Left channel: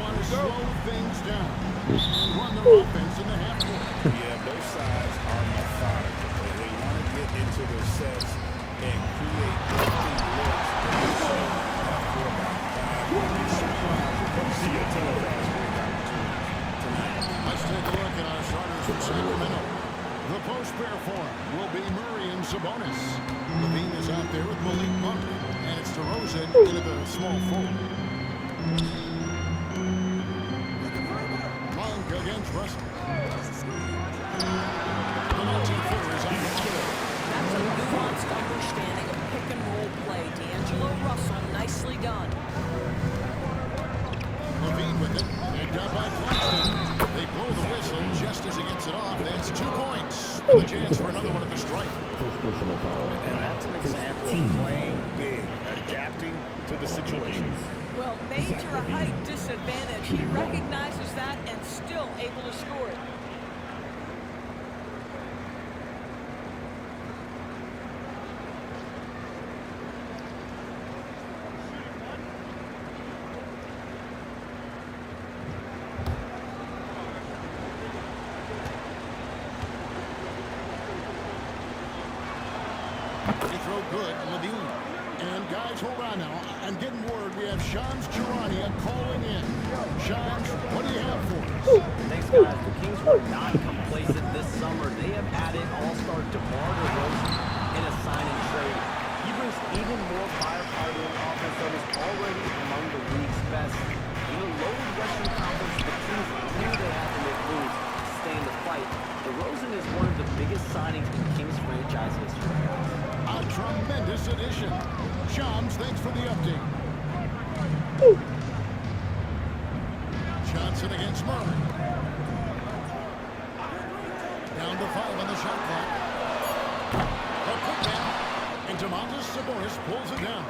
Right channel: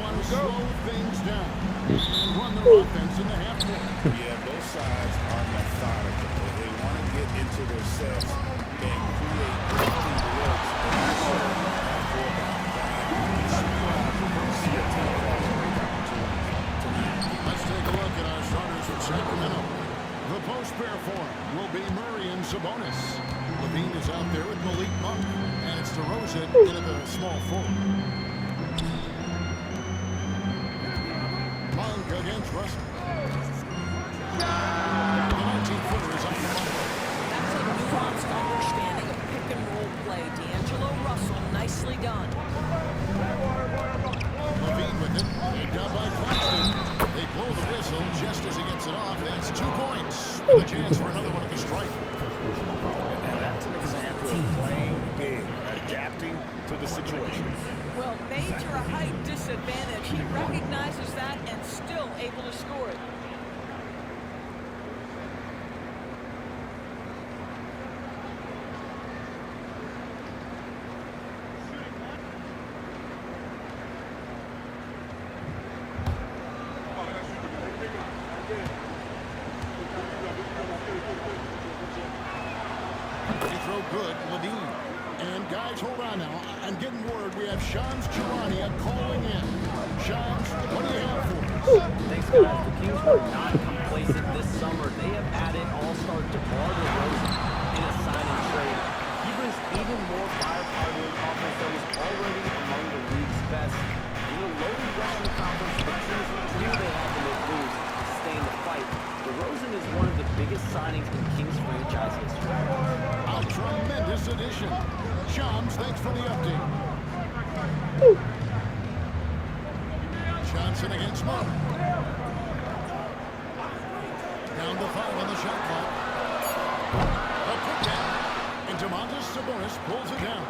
want to slow things down and run their offense in the half court. Yeah, both sides are methodical. They want to get into their sets and create clean looks and also have four down. You'd be surprised if you see a ton of fast break opportunities tonight. Let's take a look at our starters from Sacramento. The post pair for him will be Murray and Sabonis. Levine is out there with Malik Monk, and it's DeRozan into the small forward. Monk against Russell. The 19-footer is on the money. That's a nuanced understanding of pick-and-roll play. D'Angelo Russell, nicely done. Levine with it. Picked up by Claxton. They blow the whistle just as he gets it off. That's 2 points. With a chance for another one at the stripe. And that's an example of playing big, adapting to the situation. Well, major height disadvantage. He recognizes that and still able to score it. Throw good, Levine. And guys, hold on now. I'm getting word we have Shams Charania calling in. Shams, what do you have for us? Thanks, guys. The Kings were not complacent this summer. They have added all-star DeMar DeRozan in a sign-and trade. He brings even more firepower to an offense that was already among the league's best. In the loaded Western Conference, the Kings knew they had to make moves to stay in the fight. DeRozan is one of the biggest signings in Kings franchise history. A tremendous addition. Shams, thanks for the update. Johnson against Murray. Down to 5 on the shot clock. A put down. And Domantas Sabonis pulls it down.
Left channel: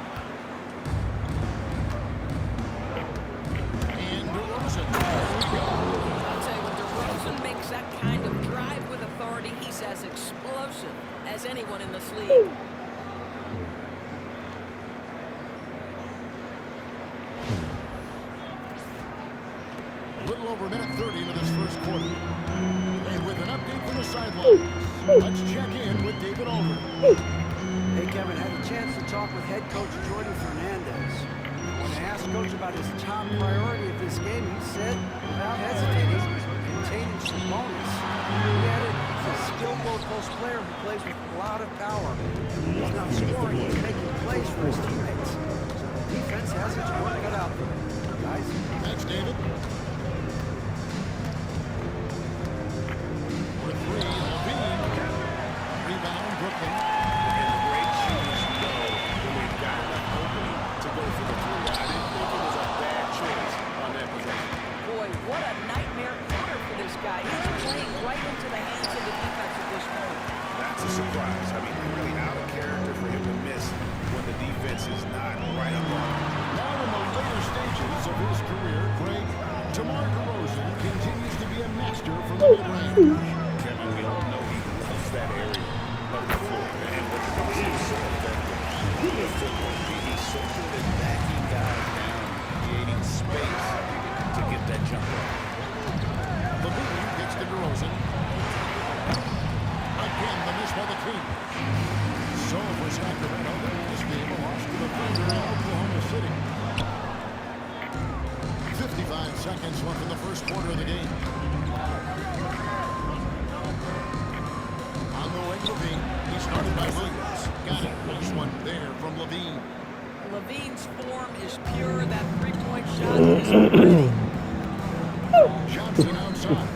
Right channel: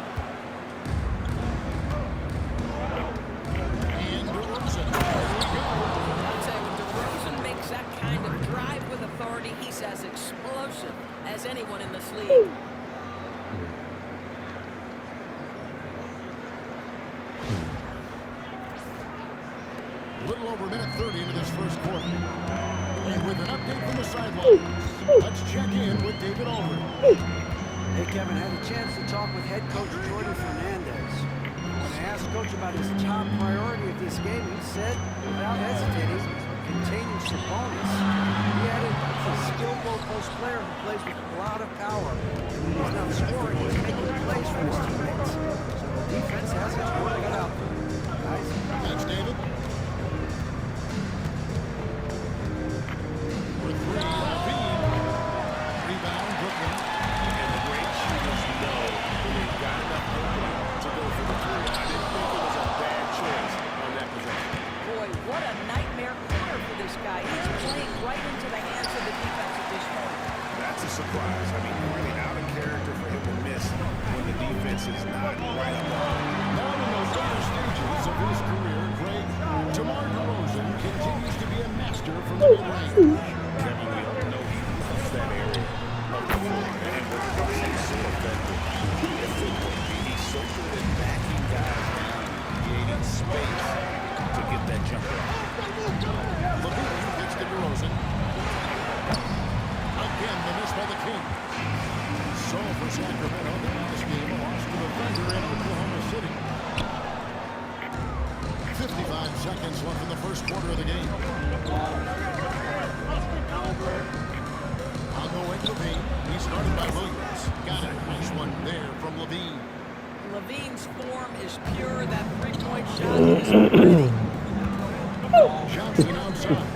And DeRozan. There we go. I'll tell you, when DeRozan makes that kind of drive with authority, he's as explosive as anyone in this league. A little over a minute 30 into this first quarter. And with an update from the sidelines, let's check in with David Aldridge. Hey, Kevin, had a chance to talk with head coach Jordi Fernandez. When I asked Coach about his top priority of this game, he said, without hesitating, containing Sabonis. He added, he's a skilled low-post player who plays with a lot of power. And when he's not scoring, he's making plays for his teammates. So the defense has its work cut out there. Guys? Thanks, David. For 3, Levine. Rebound, Brooklyn. And the great shooters know when they've got enough opening to go for the 3. I didn't think it was a bad choice on that possession. Boy, what a nightmare quarter for this guy. He's playing right into the hands of the defense at this point. That's a surprise. I mean, really out of character for him to miss when the defense is not right up on him. Now in the later stages of his career, Craig, DeMar DeRozan continues to be a master from the mid-range. Kevin, we all know he loves that area of the floor. And what makes him so effective, he's so good at backing guys down, creating space to get that jump off. Levine gets to DeRozan. Again, the miss by the Kings. So for Sacramento, their last game, a loss to the Thunder in Oklahoma City. 55 seconds left in the first quarter of the game. On the wing, Levine. He started by Williams. Got it. Nice one there from Levine. Levine's form is pure. That three-point shot is pretty. Johnson outside.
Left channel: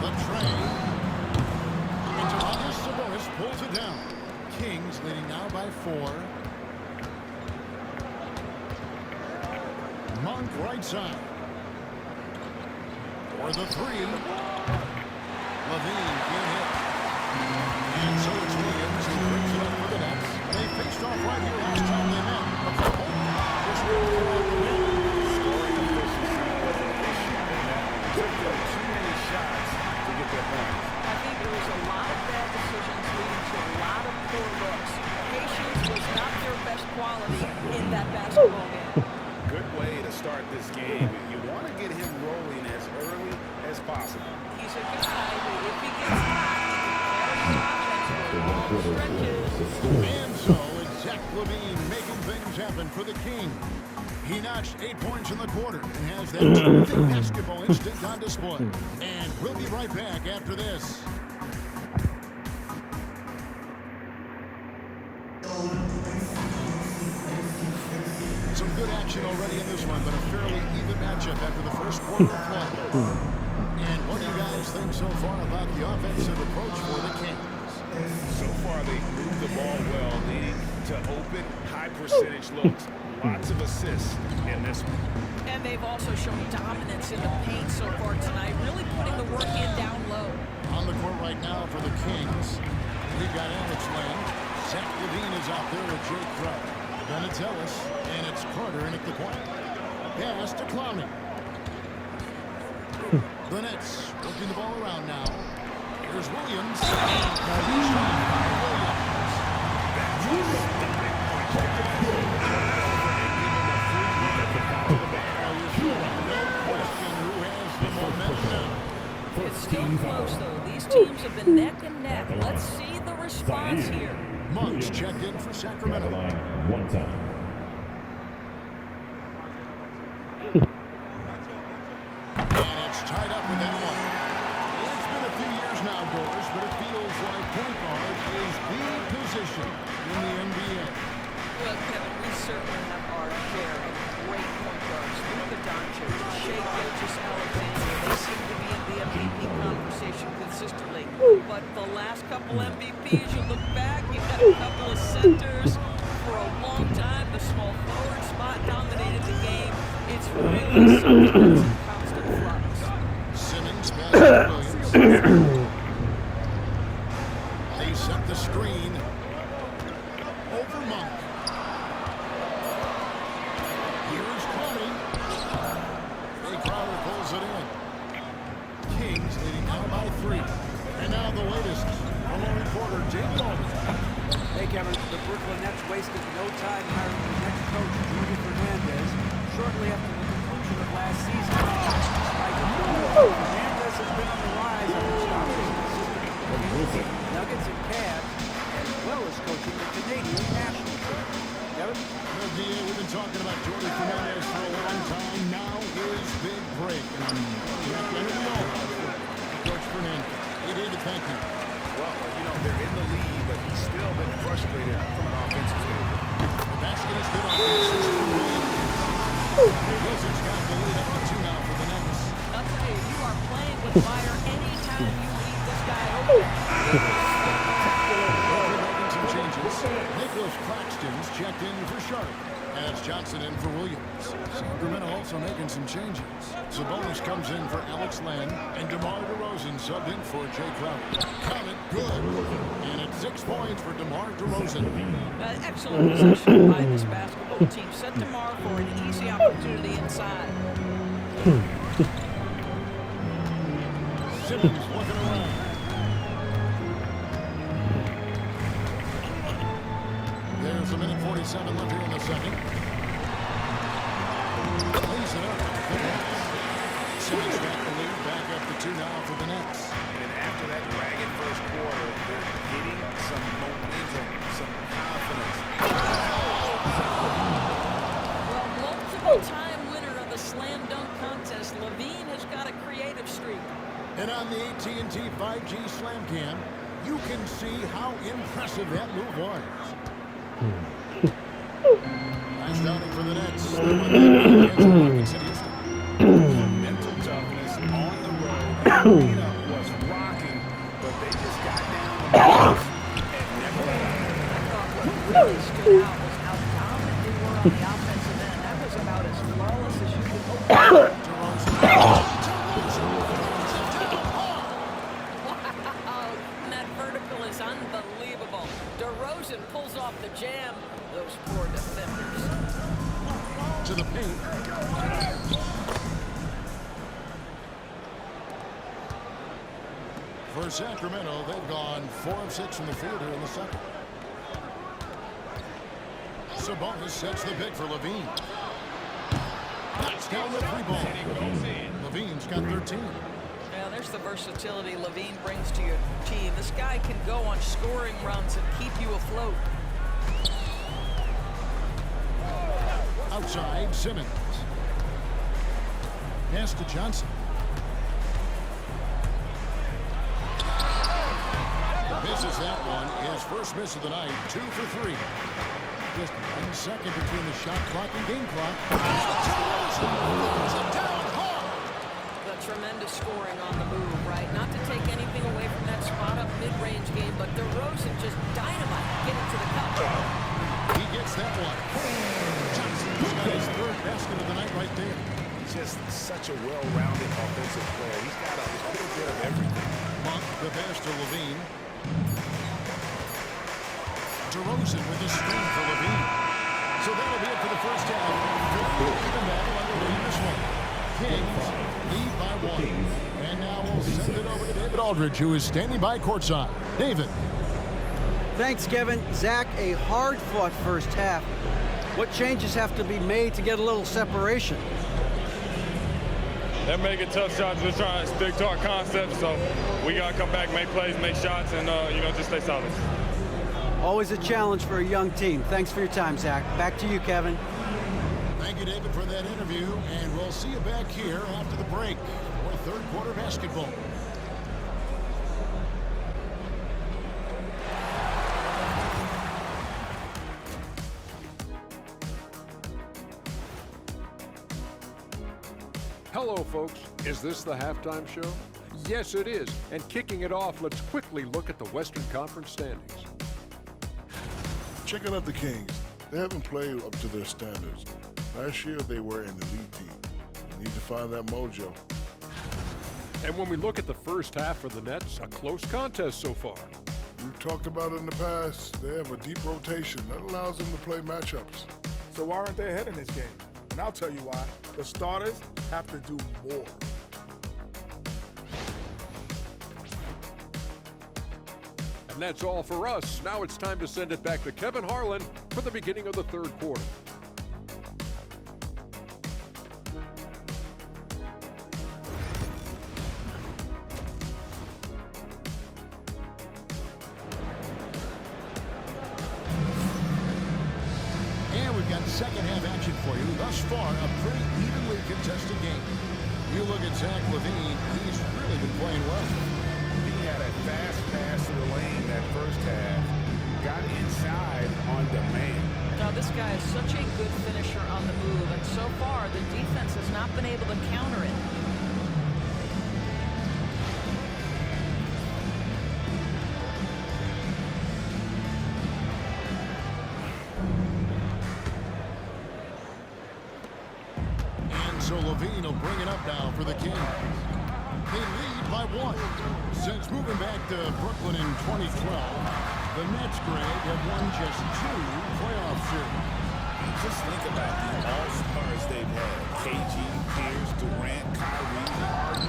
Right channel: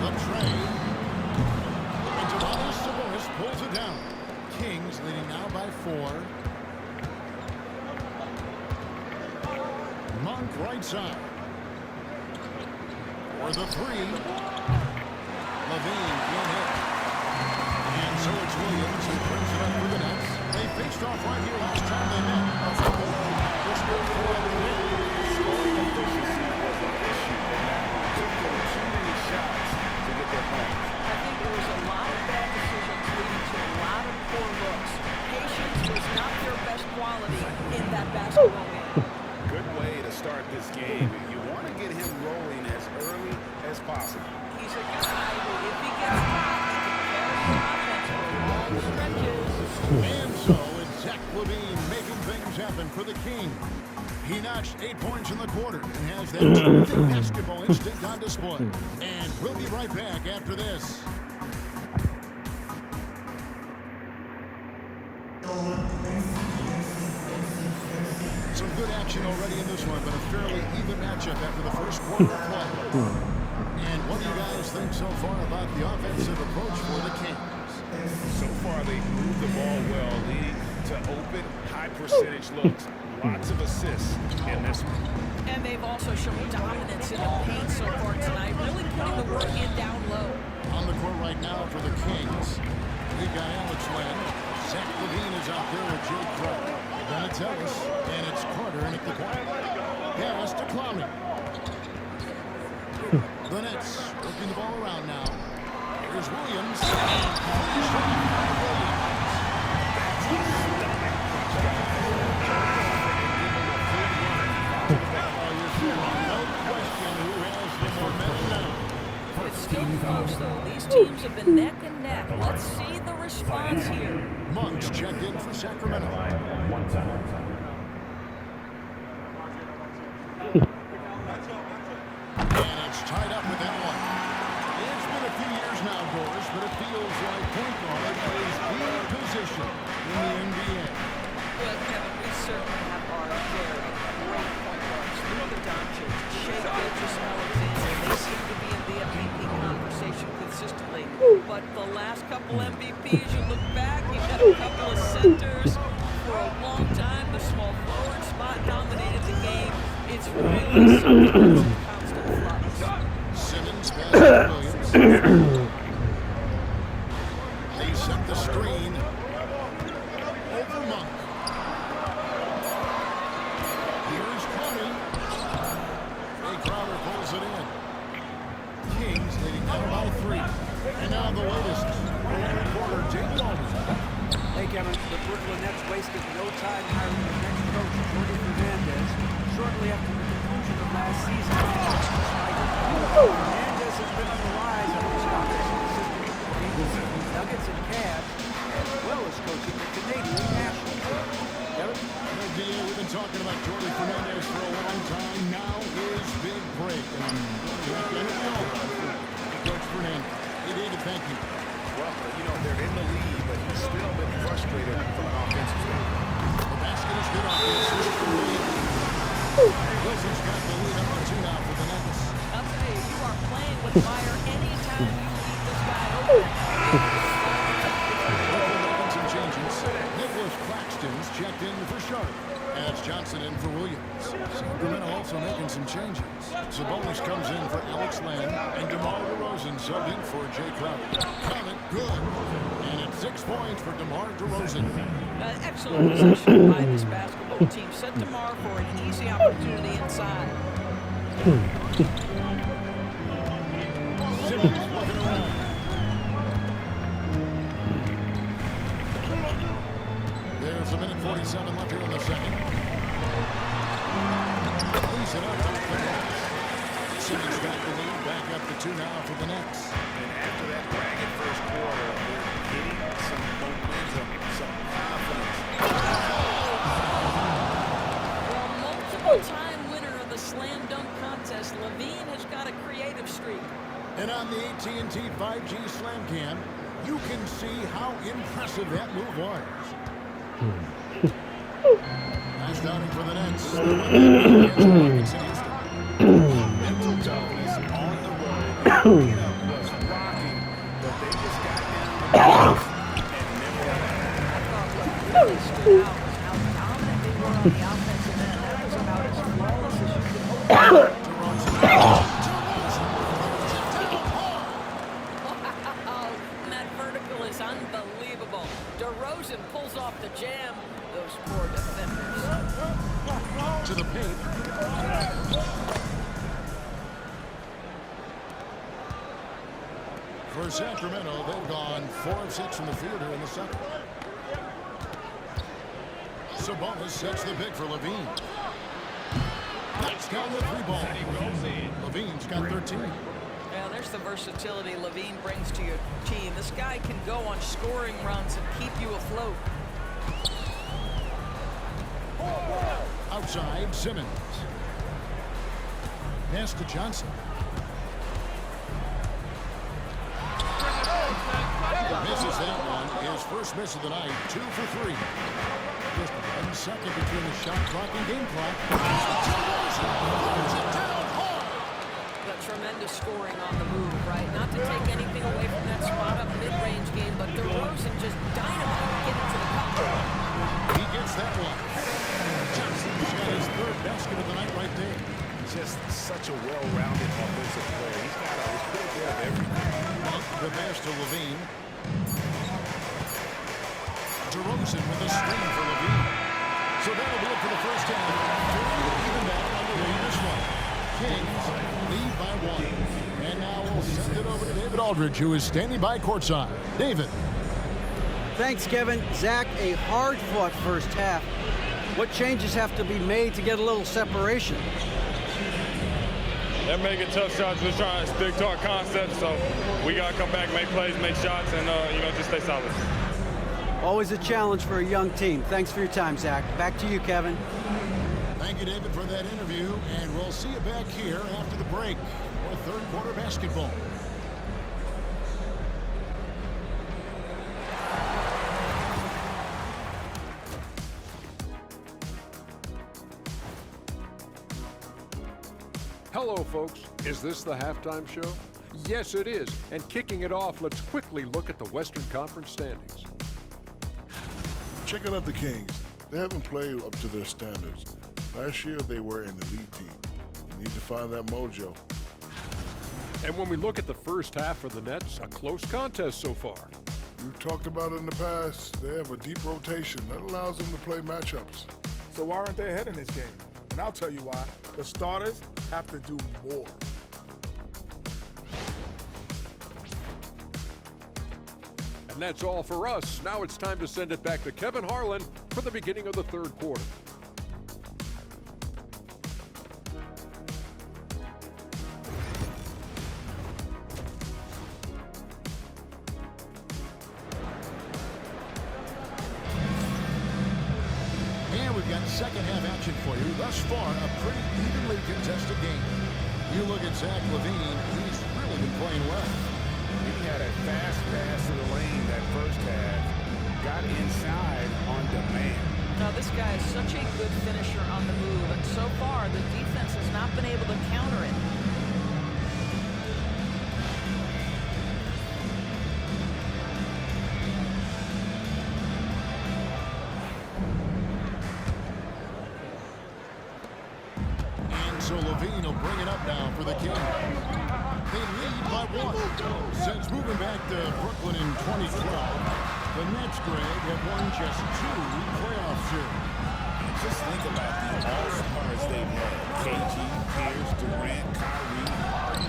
The train. And Domantas Sabonis pulls it down. Kings leading now by 4. Monk right side. For the 3. Levine can't hit. And so it's Williams who brings it up for the Nets. They faced off right here last time they met. A couple just didn't pull out the win. Scoring efficiency was an issue in that one. Took them too many shots to get their points. I think there was a lot of bad decisions leading to a lot of poor looks. Patience was not their best quality in that basketball game. Good way to start this game. You want to get him rolling as early as possible. He's a guy who, if he gets hot, he can carry his offense for long stretches. And so it's Zach LaVine making things happen for the King. He notched 8 points in the quarter and has that terrific basketball instinct on display. And we'll be right back after this. Some good action already in this one, but a fairly even matchup after the first quarter of play. And what do you guys think so far about the offensive approach for the Kings? So far, they've moved the ball well, leading to open, high-percentage looks. Lots of assists in this one. And they've also shown dominance in the paint so far tonight, really putting the work in down low. On the court right now for the Kings, we've got Alex Len. Zach LaVine is out there with Jay Crowder. Then it's Ellis, and it's Carter in at the point. Pass to Clowney. The Nets working the ball around now. Here's Williams. And he's shot by Williams. That's a stunning punch, guys. Turn it over and give him a free run to the back. Oh, you're so right. No question who has the momentum now. It's still close, though. These teams have been neck and neck. Let's see the response here. Monks checked in for Sacramento. One time. And it's tied up with that one. It's been a few years now, Doris, but it feels like point guard is the position in the NBA. Well, Kevin, we certainly have our share of great point guards. Luka Doncic, Shai Gilgeous-Alexander, they seem to be in the MVP conversation consistently. But the last couple MVPs, you look back, you've got a couple of centers. For a long time, the small forward spot dominated the game. It's really something that's in constant flux. Simmons passes to Williams. They set the screen over Monk. Here's Connie. Jay Crowder pulls it in. Kings leading now by 3. And now the latest from our reporter, Jamie Aldridge. Hey, Kevin, the Brooklyn Nets wasted no time hiring their next coach, Jordi Fernandez, shortly after the conclusion of last season. Despite his Fernandez has been on the rise after stopping his assistant with the Kings, Nuggets, and Cavs, as well as coaching the Canadian national team. Kevin? Well, DA, we've been talking about Jordi Fernandez for a long time. Now his big break. And I'm happy. I know we all are for Coach Fernandez. Hey, David, thank you. Well, you know, they're in the lead, but he's still been frustrated from an offensive standpoint. The basket is good on the assist from Williams. Wilson's got the lead up to 2 now for the Nets. I'll tell you, you are playing with fire anytime you leave this guy open. Brooklyn making some changes. Nicholas Claxton's checked in for Sharp. As Johnson in for Williams. Sacramento also making some changes. Sabonis comes in for Alex Len. And DeMar DeRozan subbed in for Jay Crowder. Comment good. And it's 6 points for DeMar DeRozan. Excellent possession by this basketball team. Set DeMar for an easy opportunity inside. Simmons looking around. There's a minute 47 left here in the second. Lays it up off the glass. Simmons got the lead, back up to 2 now for the Nets. And after that ragged first quarter, they're getting some momentum, some confidence. Well, multiple-time winner of the slam dunk contest, LaVine has got a creative streak. And on the AT&T 5G Slam Cam, you can see how impressive that move was. Last outing for the Nets. They won that game against the Rockets in Houston. Mental toughness on the road. Arena was rocking, but they just got down the box and never let up. I thought what really stood out was how dominant they were on the offensive end. That was about as flawless as you could hope. DeRozan throws it down hard. Wow, that vertical is unbelievable. DeRozan pulls off the jam. Those poor defenders. To the paint. For Sacramento, they've gone 4 of 6 from the field here in the second. Sabonis sets the pick for Levine. Knocks down the three ball. Levine's got 13. Yeah, there's the versatility Levine brings to your team. This guy can go on scoring runs and keep you afloat. Outside, Simmons. Pass to Johnson. Misses that one. His first miss of the night. 2 for 3. Just 1 second between the shot clock and game clock. Throws it down hard. But tremendous scoring on the move, right? Not to take anything away from that spot-up mid-range game, but DeRozan just dynamite getting to the cup. He gets that one. Johnson's got his third basket of the night right there. Just such a well-rounded offensive player. He's got a little bit of everything. Monk, the pass to Levine. DeRozan with a screen for Levine. So that'll be it for the first half. Fairly even battle underway in this one. Kings lead by 1. And now we'll send it over to David Aldridge, who is standing by courtside. David. Thanks, Kevin. Zach, a hard-fought first half. What changes have to be made to get a little separation? They're making tough shots. We're trying to stick to our concept, so we got to come back, make plays, make shots, and, just stay solid. Always a challenge for a young team. Thanks for your time, Zach. Back to you, Kevin. Thank you, David, for that interview, and we'll see you back here after the break for third quarter basketball. Hello, folks. Is this the halftime show? Yes, it is. And kicking it off, let's quickly look at the Western Conference standings. Checking out the Kings. They haven't played up to their standards. Last year, they were an elite team. They need to find that mojo. And when we look at the first half for the Nets, a close contest so far. We've talked about it in the past. They have a deep rotation that allows them to play matchups. So why aren't they ahead in this game? And I'll tell you why. The starters have to do more. And that's all for us. Now it's time to send it back to Kevin Harlan for the beginning of the third quarter. And we've got second half action for you. Thus far, a pretty evenly contested game. You look at Zach LaVine, he's really been playing well. He had a fast pass to the lane that first half. Got inside on demand. Now, this guy is such a good finisher on the move, and so far, the defense has not been able to counter it. And so LaVine will bring it up now for the Kings. They lead by 1. Since moving back to Brooklyn in 2012, the Nets, Greg, have won just 2 playoff series. And just think about the all-stars they've had. KG, Pierce, Durant, Kyrie, Harden.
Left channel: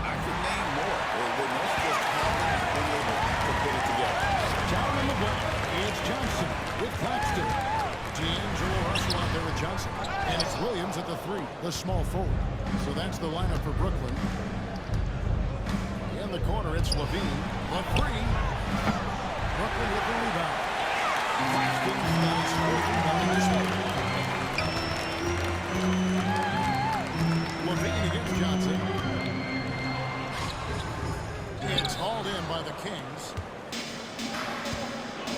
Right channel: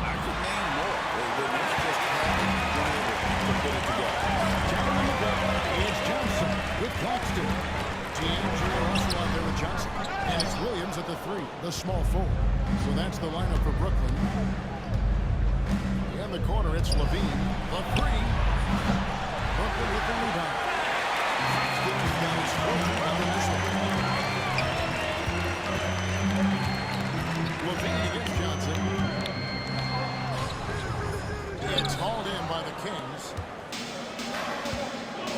I could name more. The Nets just haven't been able to put it together. Down on the ball, it's Johnson with Claxton. D'Angelo Russell out there with Johnson. And it's Williams at the 3, the small forward. So that's the lineup for Brooklyn. In the corner, it's LaVine. The 3. Brooklyn with the rebound. Claxton's got his 4th rebound in this one. LaVine against Johnson. It's hauled in by the Kings.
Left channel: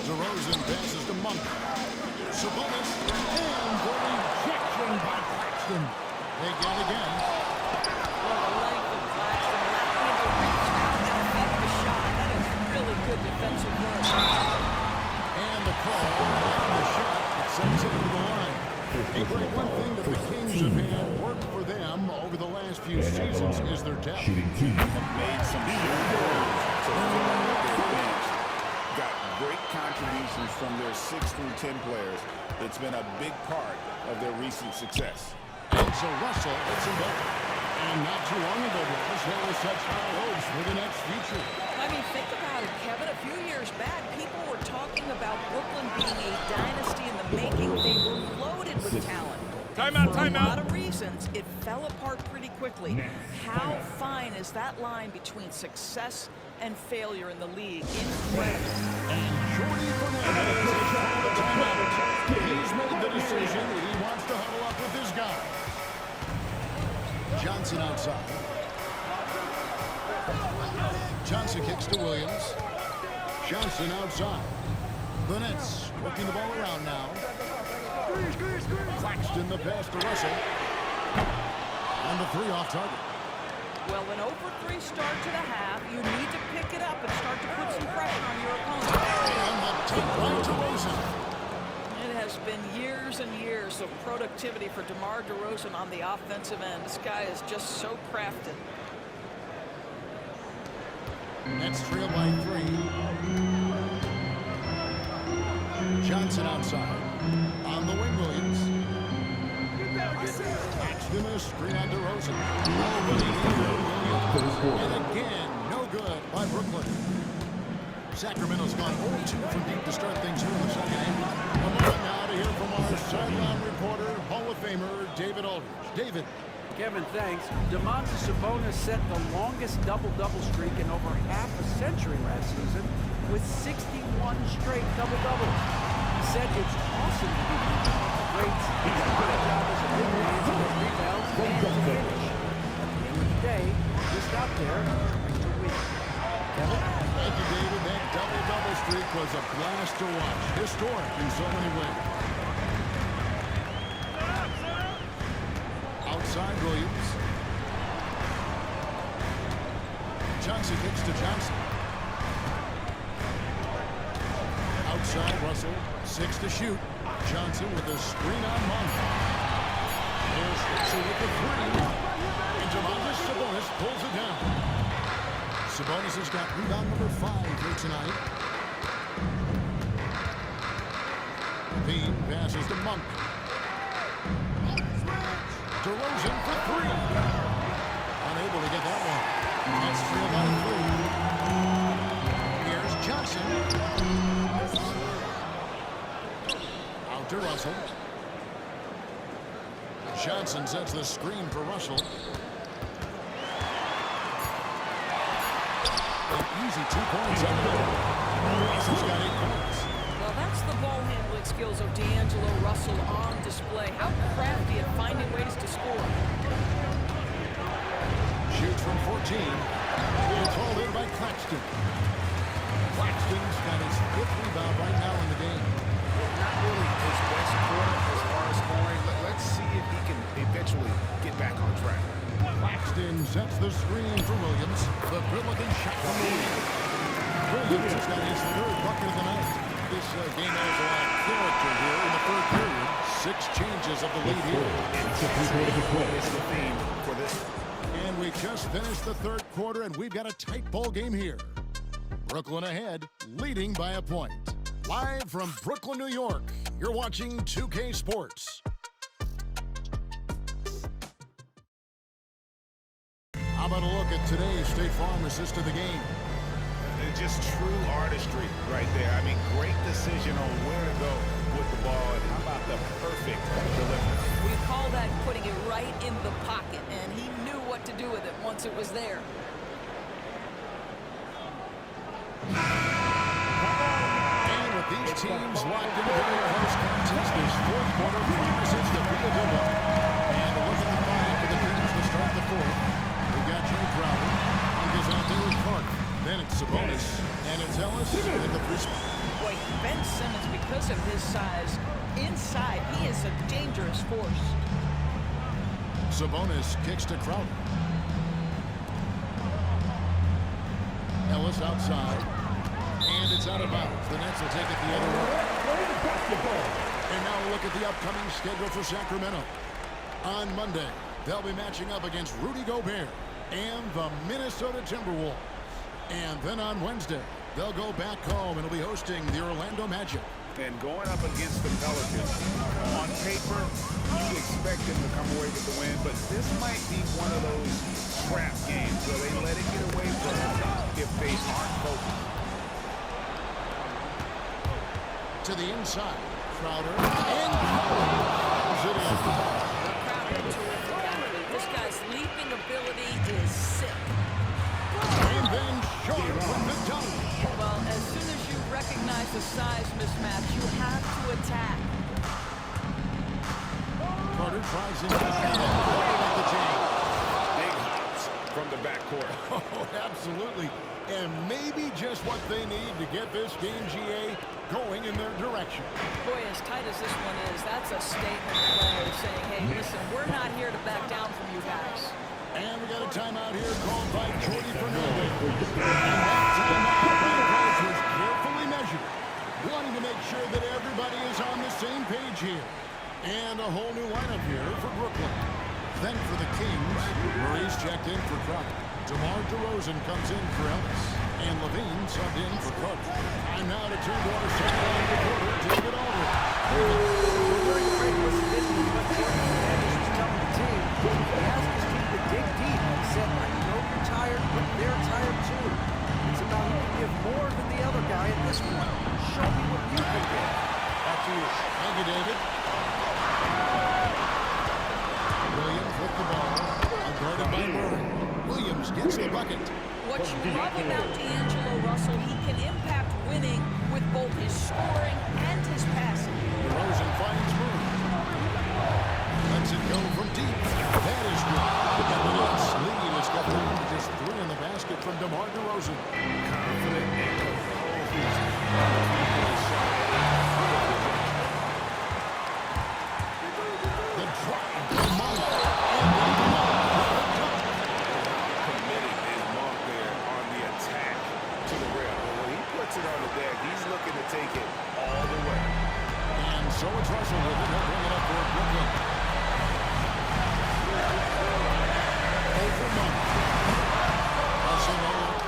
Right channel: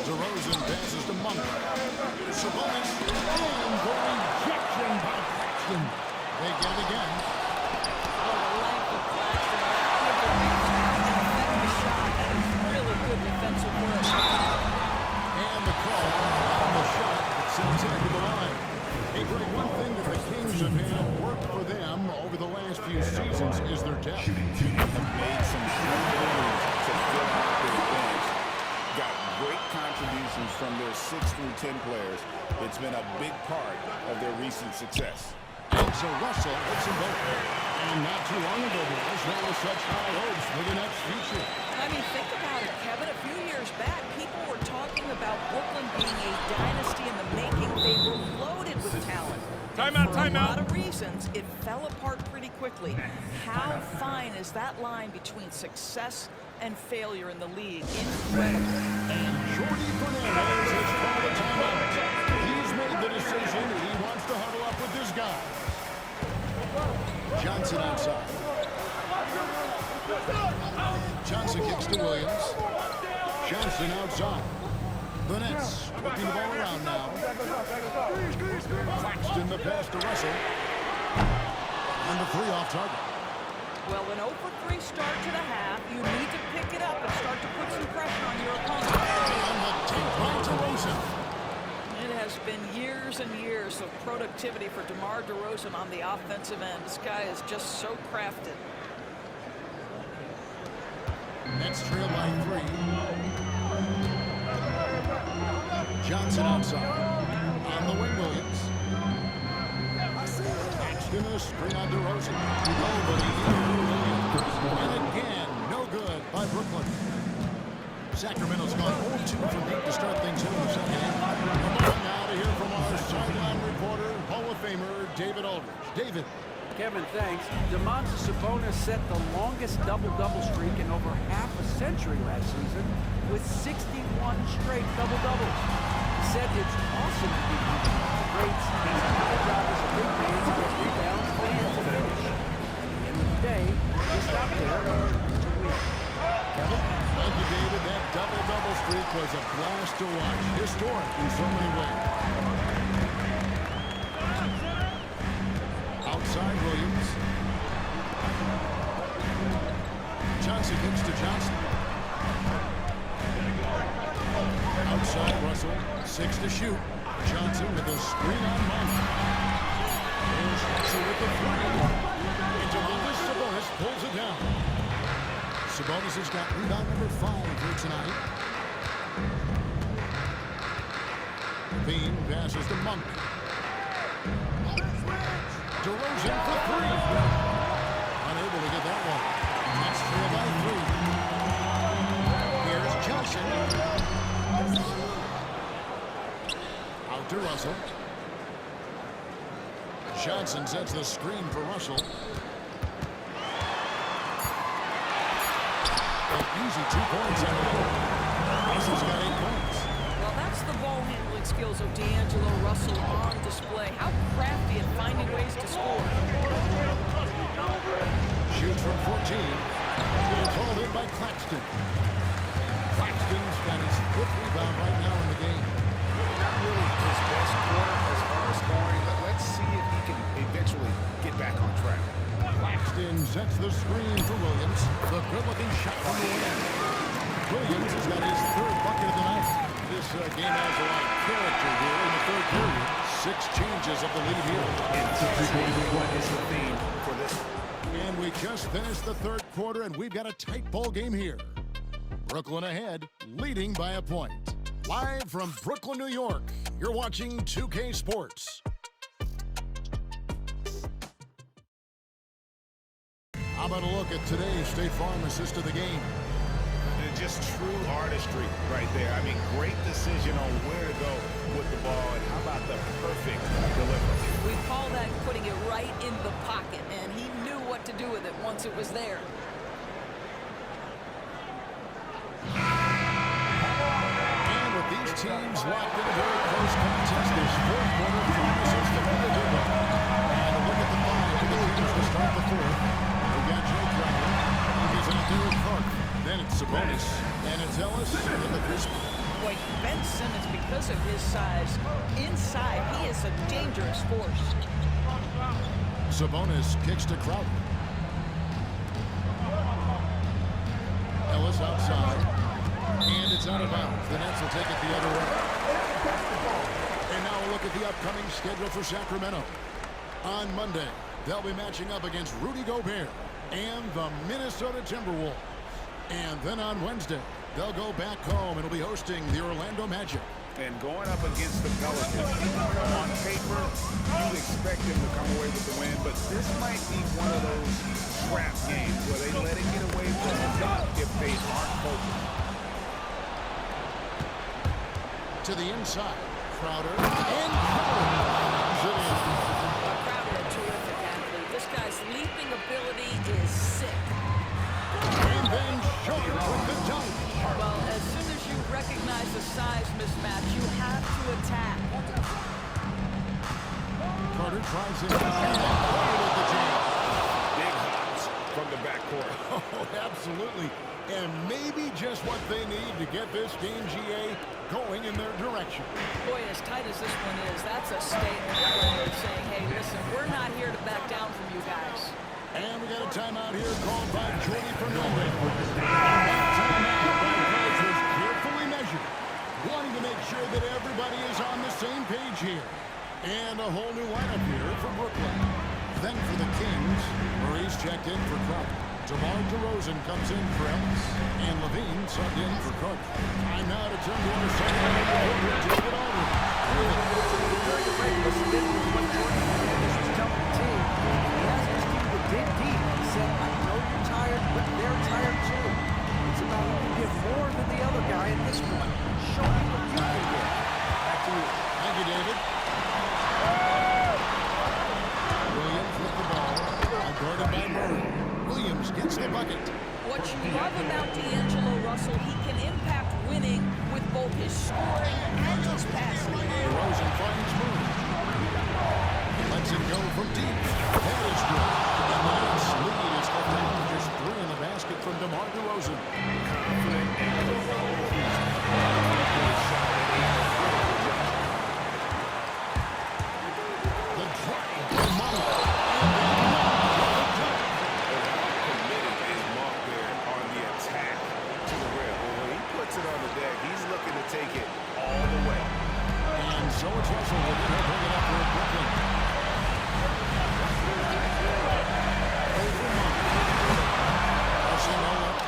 DeRozan passes to Monk. Sabonis, and the rejection by Claxton. They get it again. Well, the length of Claxton allowing him to reach out and affect the shot. That is really good defensive work. And the call on the shot that sends it into the line. Hey, Greg, one thing that the Kings have had work for them over the last few seasons is their depth. Have made some shrewd moves to fill out their bench. Got great contributions from their 6 through 10 players. It's been a big part of their recent success. And so Russell hits them both. And not too long ago, boys, there were such high hopes for the next future. I mean, think about it, Kevin. A few years back, people were talking about Brooklyn being a dynasty in the making Timeout, For a timeout. lot of reasons, it fell apart pretty quickly. How fine is that line between success and failure in the league? Incredible. And Jordy Fernandez has called a timeout. He's made the decision. He wants to huddle up with his guys. Johnson outside. Johnson kicks to Williams. Johnson outside. The Nets working the ball around now. Claxton the pass to Russell. And the 3 off target. Well, an 0-for-3 start to the half. You need to pick it up and start to put some pressure on your opponent. And the take by DeRozan. It has been years and years of productivity for DeMar DeRozan on the offensive end. This guy is just so crafted. Nets trail by 3. Johnson outside. On the wing, Williams. Claxton a screen on DeRozan. Nobody here, Williams. And again, no good by Brooklyn. Sacramento's gone 0-2 from deep to start things here in the second half. A moment now to hear from our sideline reporter, Hall of Famer David Aldridge. David. Kevin, thanks. Domantas Sabonis set the longest double-double streak in over half a century last season with 61 straight double-doubles. He said it's awesome to be beating off the greats. It's my job as a big man to get rebounds and to finish. At the end of the day, just out there trying to win. Kevin? Thank you, David. That double-double streak was a blast to watch. Historic in so many ways. Outside Williams. Johnson kicks to Johnson. Outside Russell. 6 to shoot. Johnson with a screen on Monk. There's Russell with the 3. And Domantas Sabonis pulls it down. Sabonis has got rebound number 5 here tonight. Bean passes to Monk. DeRozan for 3. Unable to get that one. Nets trail by 3. Here's Johnson. Out to Russell. Johnson sets the screen for Russell. An easy 2 points on the night. Russell's got 8 points. Well, that's the ball handling skills of D'Angelo Russell on display. How crafty at finding ways to score. Shoots from 14. It's hauled in by Claxton. Claxton's got his 5th rebound right now in the game. Not really his best quarter as far as scoring. Let's see if he can eventually get back on track. Claxton sets the screen for Williams. The good-looking shot from the wing. Williams has got his 3rd bucket of the night. This game has a lot of character here in the 3rd period. 6 changes of the lead here. Intensity is the theme for this. And we just finished the 3rd quarter, and we've got a tight ball game here. Brooklyn ahead, leading by a point. Live from Brooklyn, New York, you're watching 2K Sports. How about a look at today's State Farm assist of the game? Just true artistry right there. I mean, great decision on where to go with the ball, and how about the perfect delivery? We call that putting it right in the pocket, and he knew what to do with it once it was there. And with these teams locked in a very close contest, this 4th quarter promises to be a good one. And a look at the 5 for the teams to start the 4th. We've got Jay Crowder. Monk is out there with Clark. Then it's Sabonis. And it's Ellis at the 3 spot. Boy, Ben Simmons, because of his size, inside, he is a dangerous force. Sabonis kicks to Crowder. Ellis outside. And it's out of bounds. The Nets will take it the other way. And now we'll look at the upcoming schedule for Sacramento. On Monday, they'll be matching up against Rudy Gobert and the Minnesota Timberwolves. And then on Wednesday, they'll go back home and will be hosting the Orlando Magic. And going up against the Pelicans, on paper, you'd expect them to come away with the win, but this might be one of those trap games where they let it get away from them if they aren't focused. To the inside, Crowder, and Crowder slams it in. Carter tries it, and then Porter with the jam. Big hops from the backcourt. Oh, absolutely. And maybe just what they need to get this game, GA, going in their direction. Boy, as tight as this one is, that's a statement play saying, hey, listen, we're not here to back down from you guys. And we got a timeout here called by Jordy Fernandez. And that timeout by coach was carefully measured, wanting to make sure that everybody is on the same page here. And a whole new lineup here for Brooklyn. Then for the Kings, Maurice checked in for Crowder. DeMar DeRozan comes in for Ellis. And Levine subbed in for Carter. Time now to turn to our sideline reporter, David Aldridge. David. Well, during the break, listened in with what Jordan Fernandez was telling the team. He asked his team to dig deep. He said, I know you're tired, but they're tired too. It's about who can give more than the other guy at this point. Show me what you can give. Back to you. Thank you, David. Williams with the ball. Guarded by Murray. Williams gets the bucket. What you love about D'Angelo Russell, he can impact winning with both his scoring and his passing. DeRozan finds Murray. Lets it go from deep. That is good. And the Nets lead is cut down to just 3 in the basket from DeMar DeRozan. Confident and composed. Three-point shot at a critical juncture. The drive by Monk. And then Monk with the dunk. And how committed is Monk there on the attack to the rim? Well, when he puts it on the deck, he's looking to take it all the way. And so it's Russell with it. He'll bring it up for Brooklyn. Over Monk. Russell no look.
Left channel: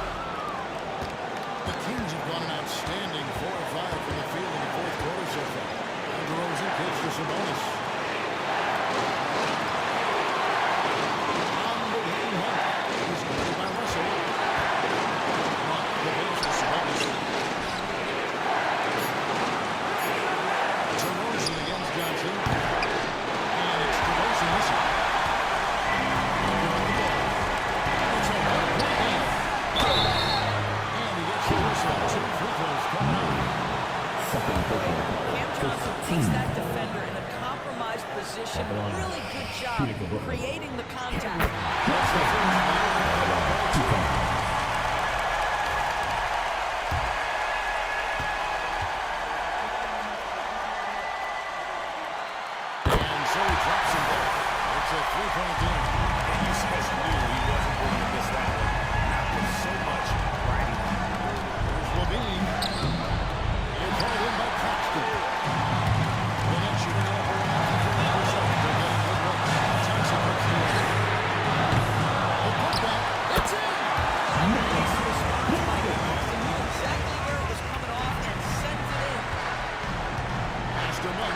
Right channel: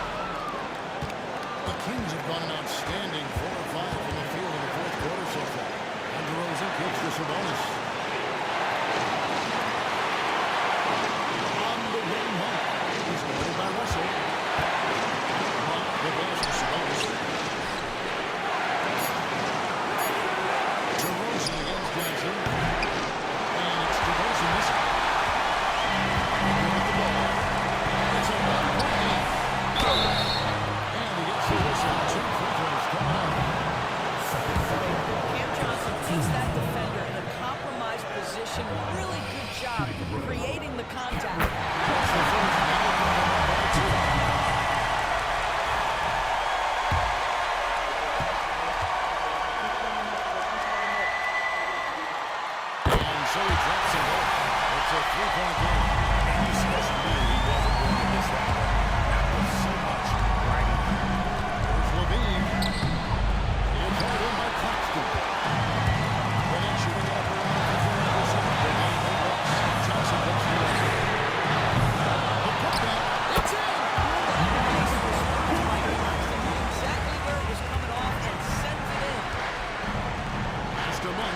The Kings have gone an outstanding 4 of 5 from the field in the fourth quarter so far. And DeRozan kicks to Sabonis. On the wing, Monk. He's guarded by Russell. Monk, the pass to Sabonis. DeRozan against Johnson. And it's DeRozan missing. With the ball. It's a one-point game. And he gets the whistle. 2 free throws coming up. Cam Johnson puts that defender in a compromised position. Really good job creating the contact. That's the first. That'll come up by 2. So he drops them both. It's a 3-point game. And you just knew he wasn't going to miss that one. Not with so much riding on it. There's Levine. It's hauled in by Claxton. The Nets shooting up around 51%. They're getting big looks. Thompson puts the other. The putback. It's in! What a nice response by Claxton. Knew exactly where it was coming off and sends it in. Pass to Monk.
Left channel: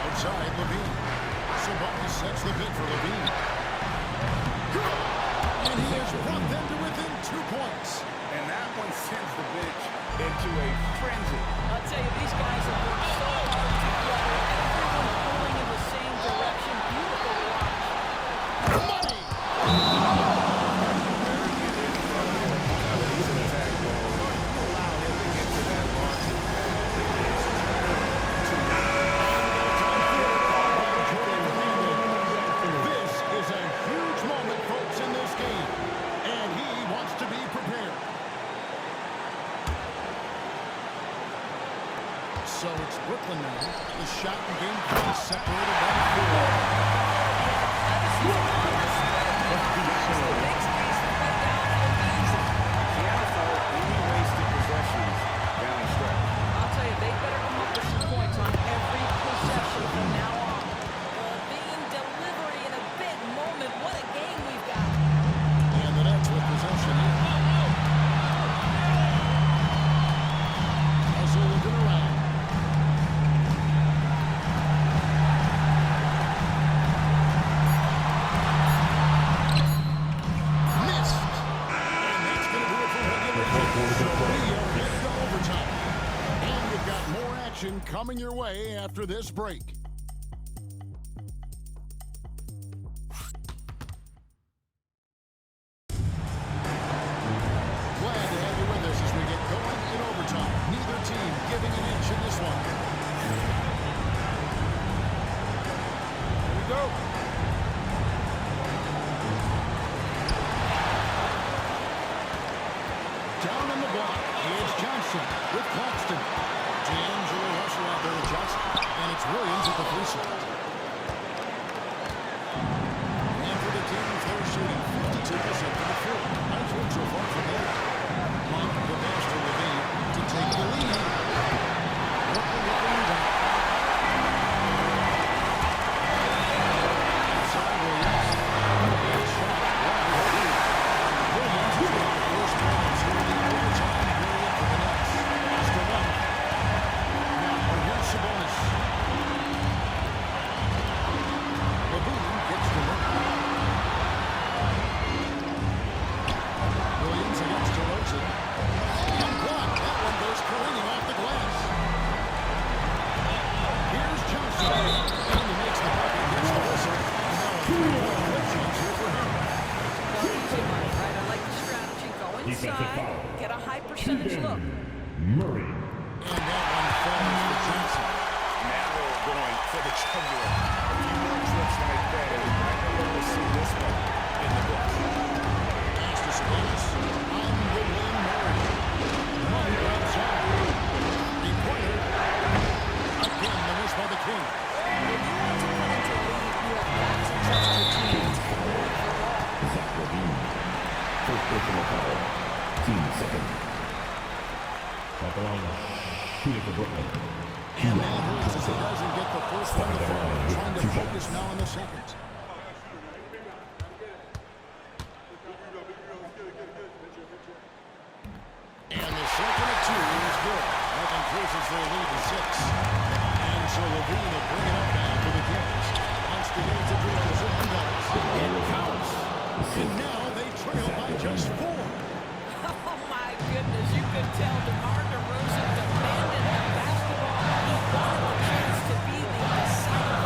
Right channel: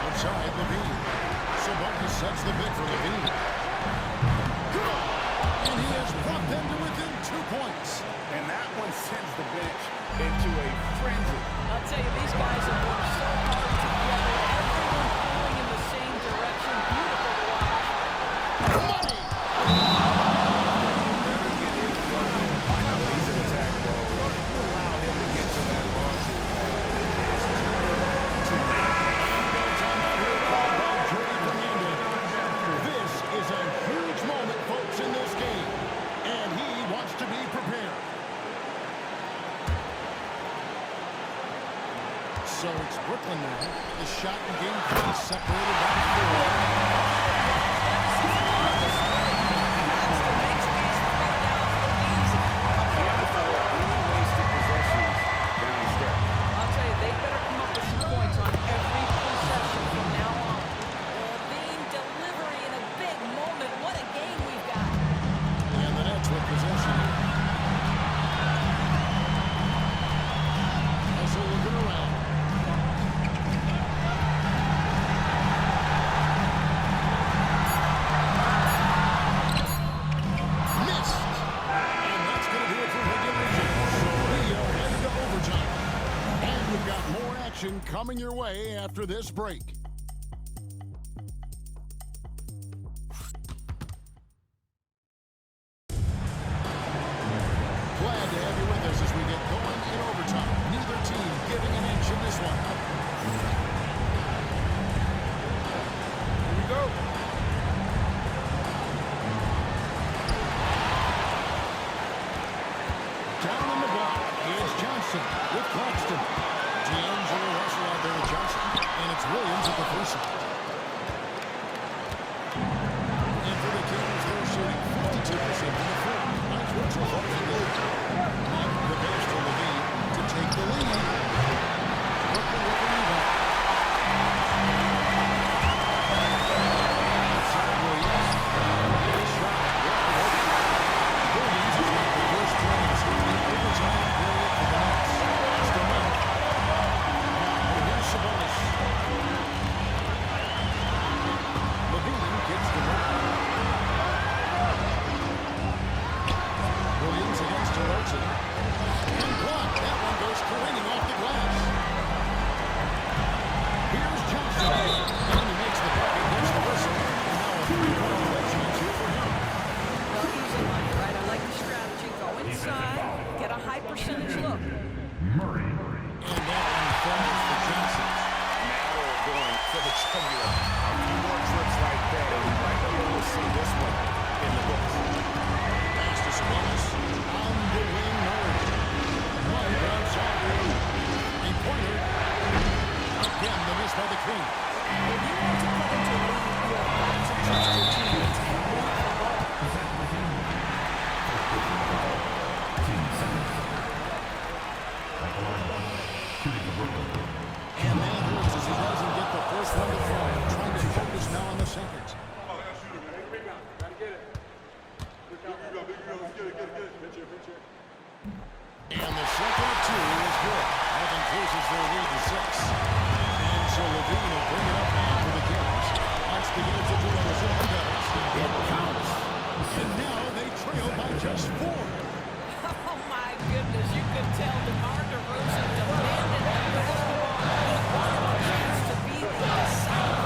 Outside Levine. Sabonis sets the pick for Levine. And he has brought them to within 2 points. And that one sends the bench into a frenzy. I'll tell you, these guys have worked so hard together. Everyone pulling in the same direction. Beautiful to watch. Money! Better get in front of him. He's in attack mode. You allow him to get to that launching pad. It is too late. This is a huge moment, folks, in this game, and he wants to be prepared. So it's Brooklyn now. The shot in game 3 separated by 4. Athleticism on display. Claxton makes these throwdowns look easy. Can't afford any wasted possessions down the stretch. I'll tell you, they better come up with some points on every possession from now on. Levine delivery in a big moment. What a game we've got. And the Nets with possession here. Also looking around. Missed. And that's going to do it for regulation. So we are headed to overtime. And we've got more action coming your way after this break. Glad to have you with us as we get going in overtime. Neither team giving an inch in this one. block. It's Johnson with Claxton. D'Angelo Russell out there with Johnson. And it's Williams at the 3 slot. And for the Kings, they're shooting 52% from the field. Nice work so far from there. Monk, the pass to Levine to take the lead. Brooklyn with the rebound. Outside Williams. Good shot. Wide open. Williams has got the first points here in the overtime period for the Nets. Pass to Monk. Now here's Sabonis. Levine kicks to Monk. Williams against DeRozan. And blocked. That one goes careening off the glass. Here's Johnson. And he makes the bucket, gets the whistle. And now a 3-point play chance here for him. Well, easy money, right? I like the strategy. Go inside, get a high percentage look. Murray. And that one falls for Johnson. Now they're going for the jugular. A few more trips like that, and we might be able to see this one in the books. Pass to Sabonis. On the wing, Murray. Monk outside. The pointer. Again, the miss by the Kings. If you want to put into a lead, you have got to trust your teammates and move the ball. First personal foul. Team seconds. At the line, shooting for Brooklyn. And that hurts as he doesn't get the first one to fall. Trying to focus now on the second. And the second of 2 is good. That increases their lead to 6. And so Levine will bring it up now for the Kings. Wants to get it to DeRozan and does. It counts. And now they trail by just 4. Oh my goodness, you could tell DeMar DeRozan demanded the basketball. He wanted the chance to be the decisive.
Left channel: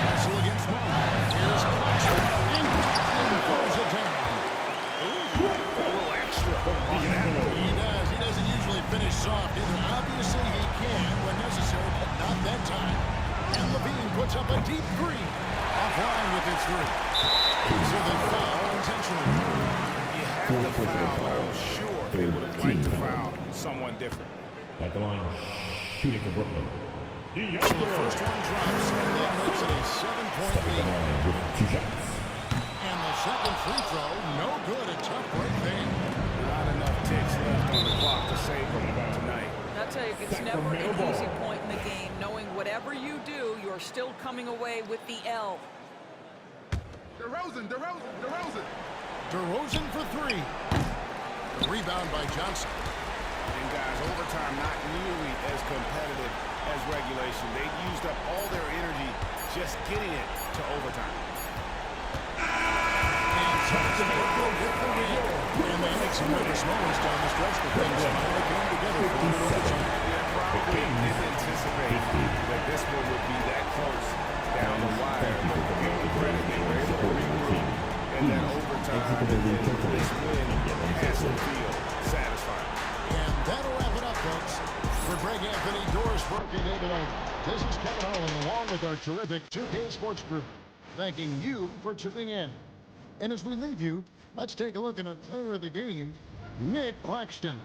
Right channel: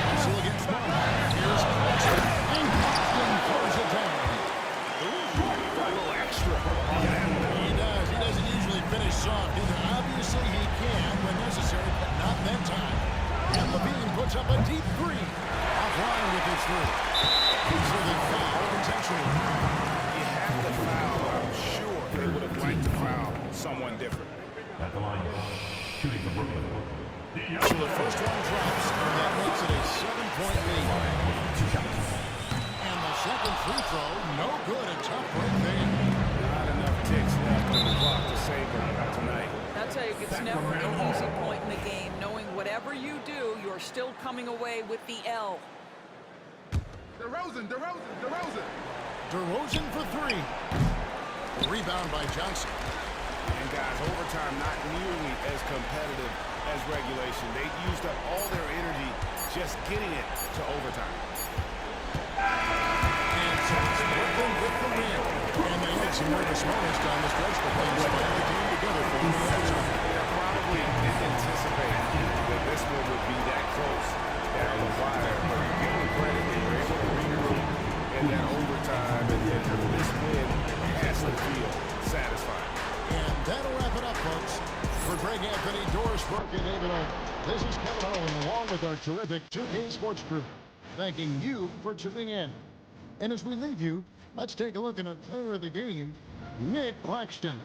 Russell against Monk. Here's Claxton. And Claxton throws it down. Ooh, a little extra on that one. He does. He doesn't usually finish soft either. Obviously, he can when necessary, but not that time. And Levine puts up a deep 3. Offline with his 3. So they foul intentionally. You have to foul, but I'm sure they would have liked to foul someone different. At the line, shooting for Brooklyn. So the first one drops, and that makes it a 7-point lead. With 2 shots. And the second free throw, no good. A tough break there. Not enough ticks left on the clock to save them tonight. I'll tell you, it's never an easy point in the game, knowing whatever you do, you're still coming away with the L. DeRozan. DeRozan for 3. The rebound by Johnson. And guys, overtime not nearly as competitive as regulation. They used up all their energy just getting it to overtime. And Johnson, Brooklyn with the win. And they had some nervous moments down the stretch, but things finally came together for them in overtime. Yeah, probably didn't anticipate that this one would be that close down the wire, but give them credit, they were able to regroup in that overtime, and then this win has to feel satisfying. And that'll wrap it up, folks. For Greg Anthony, Doris Burke, and David Owen, this is Kevin Owen, along with our terrific 2K Sports Group, thanking you for tuning in. And as we leave you, let's take a look at a player of the game, Nick Claxton.